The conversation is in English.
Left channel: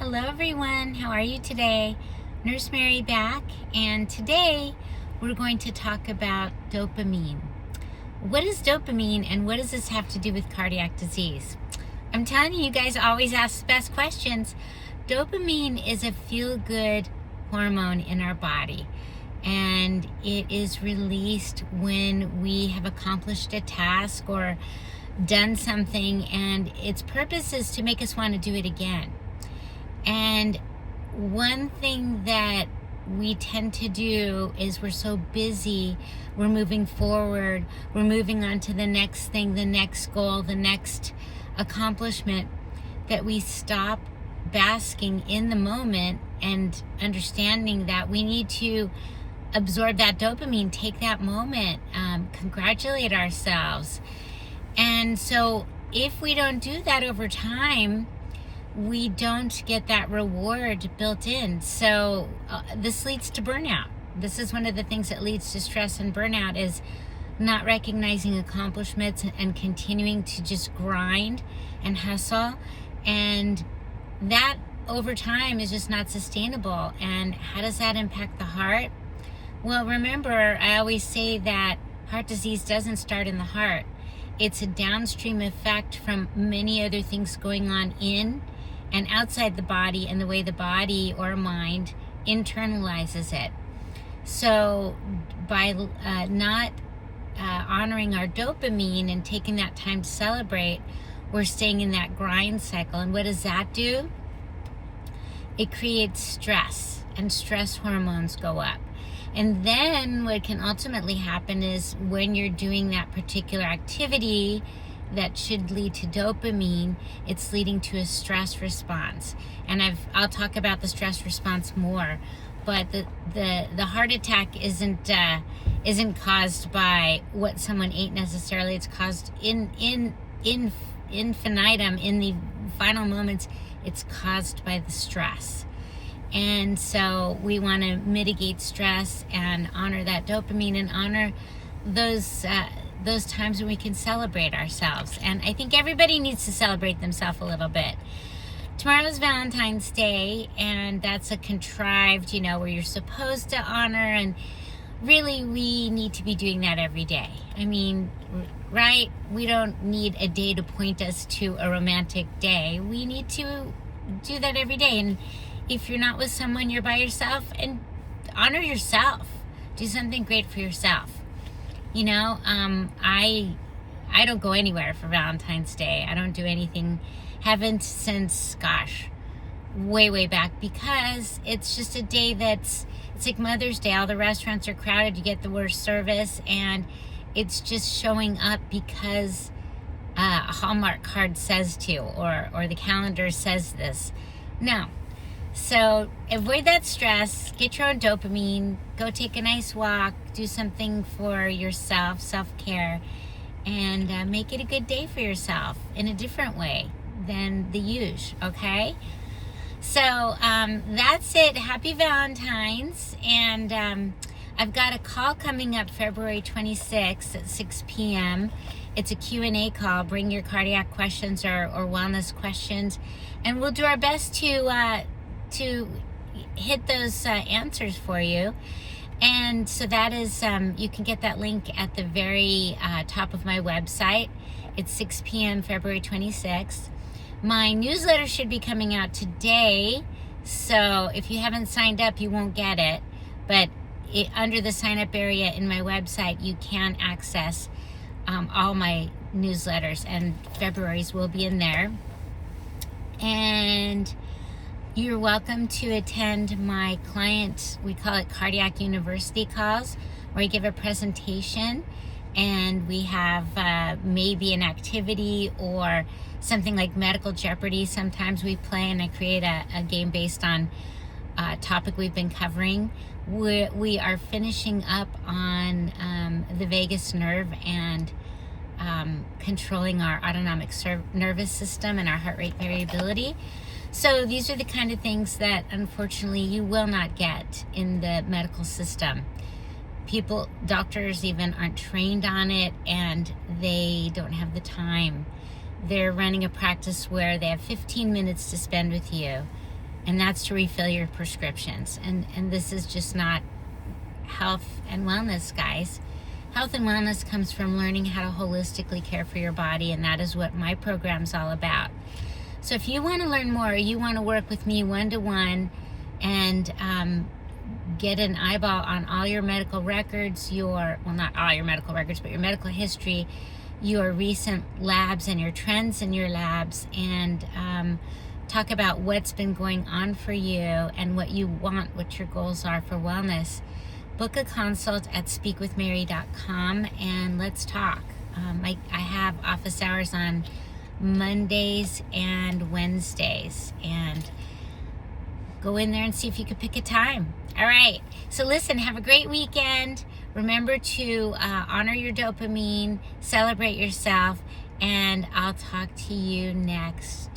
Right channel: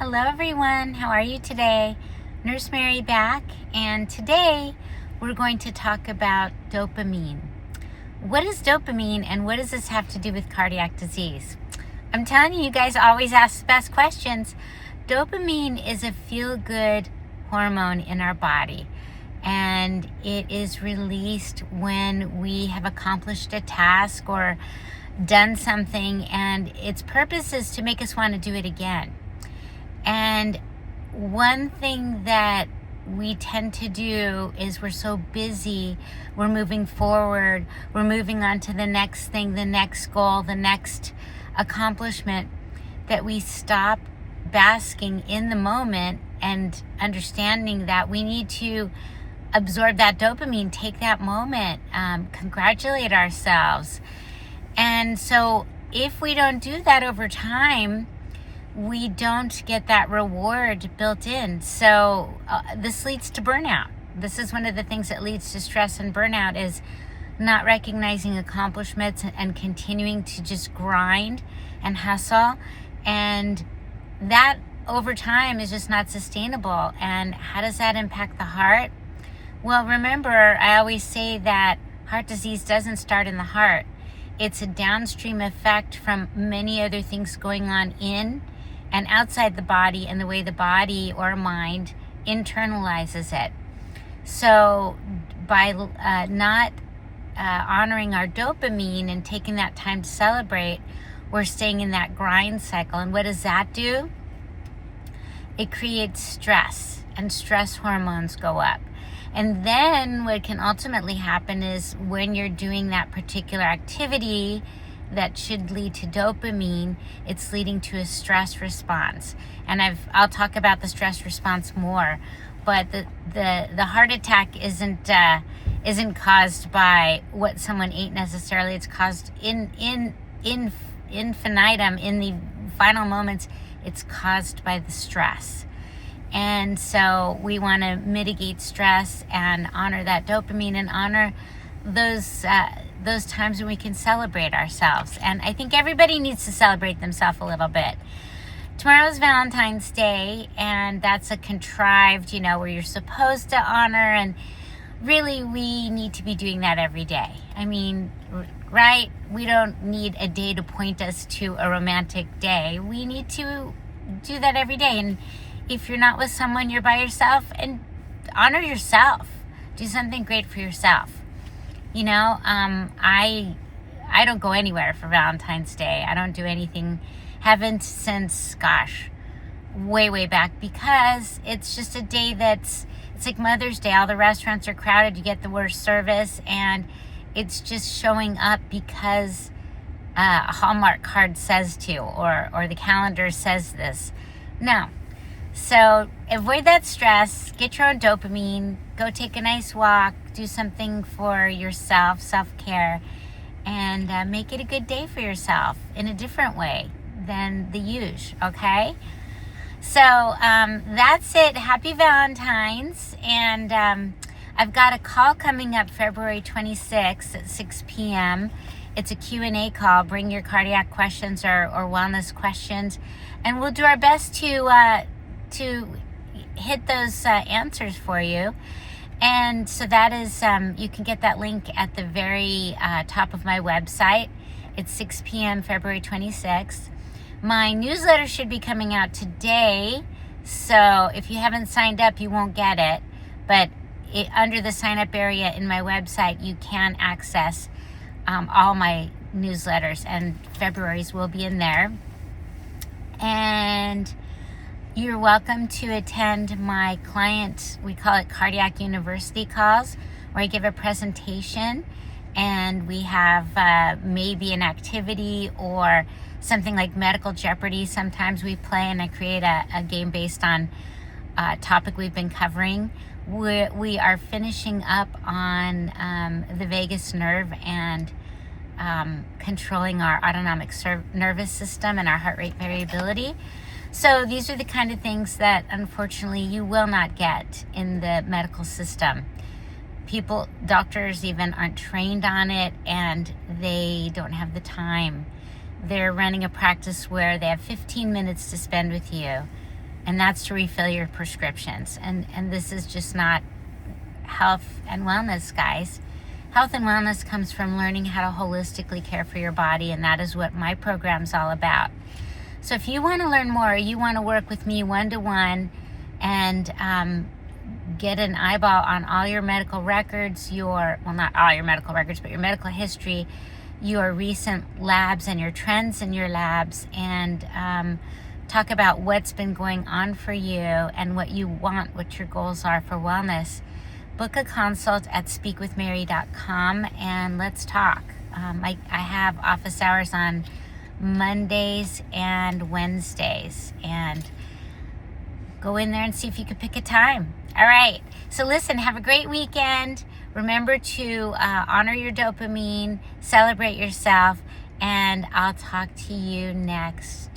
Hello everyone, how are you today? Nurse Mary back, and today we're going to talk about dopamine. What is dopamine and what does this have to do with cardiac disease? I'm telling you, you guys always ask the best questions. Dopamine is a feel-good hormone in our body, and it is released when we have accomplished a task or done something, and its purpose is to make us want to do it again. And one thing that we tend to do is we're so busy, we're moving forward, we're moving on to the next thing, the next goal, the next accomplishment, that we stop basking in the moment and understanding that we need to absorb that dopamine, take that moment, congratulate ourselves. And so if we don't do that over time, we don't get that reward built in. So this leads to burnout. This is one of the things that leads to stress and burnout, is not recognizing accomplishments and continuing to just grind and hustle. And that over time is just not sustainable. And how does that impact the heart? Well, remember, I always say that heart disease doesn't start in the heart. It's a downstream effect from many other things going on in and outside the body, and the way the body or mind internalizes it. So by not honoring our dopamine and taking that time to celebrate, we're staying in that grind cycle. And what does that do? It creates stress, and stress hormones go up. And then what can ultimately happen is, when you're doing that particular activity that should lead to dopamine, it's leading to a stress response. And I'll talk about the stress response more. But the heart attack isn't caused by what someone ate necessarily. It's caused in infinitum, in the final moments. It's caused by the stress. And so we want to mitigate stress and honor that dopamine, and honor those times when we can celebrate ourselves. And I think everybody needs to celebrate themselves a little bit. Tomorrow's Valentine's Day, and that's a contrived, where you're supposed to honor, and really we need to be doing that every day. I mean, right? We don't need a day to point us to a romantic day. We need to do that every day. And if you're not with someone, you're by yourself, and honor yourself. Do something great for yourself. I don't go anywhere for Valentine's Day. I don't do anything. Haven't since, way back, because it's just a day it's like Mother's Day. All the restaurants are crowded. You get the worst service, and it's just showing up because a Hallmark card says to, or the calendar says this. No. So avoid that stress, get your own dopamine, go take a nice walk, do something for yourself, self-care, and make it a good day for yourself in a different way than the usual, okay? So that's it. Happy Valentine's. And I've got a call coming up February 26th at 6 p.m. It's a Q&A call. Bring your cardiac questions or wellness questions, and we'll do our best to hit those answers for you. And so that is, you can get that link at the very top of my website. It's 6 p.m. February 26th. My newsletter should be coming out today, so if you haven't signed up, you won't get it. But under the sign up area in my website, you can access all my newsletters, and February's will be in there. And you're welcome to attend my client, we call it Cardiac University calls, where I give a presentation, and we have maybe an activity or something like Medical Jeopardy. Sometimes we play, and I create a game based on a topic we've been covering. We are finishing up on the vagus nerve and controlling our autonomic nervous system and our heart rate variability. So these are the kind of things that unfortunately you will not get in the medical system. Doctors even aren't trained on it, and they don't have the time. They're running a practice where they have 15 minutes to spend with you. and that's to refill your prescriptions. And this is just not health and wellness, guys. Health and wellness comes from learning how to holistically care for your body, and that is what my program's all about. So if you want to learn more, you want to work with me one-to-one and get an eyeball on all your medical records, not all your medical records, but your medical history, your recent labs and your trends in your labs, and talk about what's been going on for you and what you want, what your goals are for wellness, book a consult at speakwithmary.com and let's talk. I have office hours on Mondays and Wednesdays, and go in there and see if you could pick a time. All right, so listen, have a great weekend. Remember to honor your dopamine, celebrate yourself, and I'll talk to you next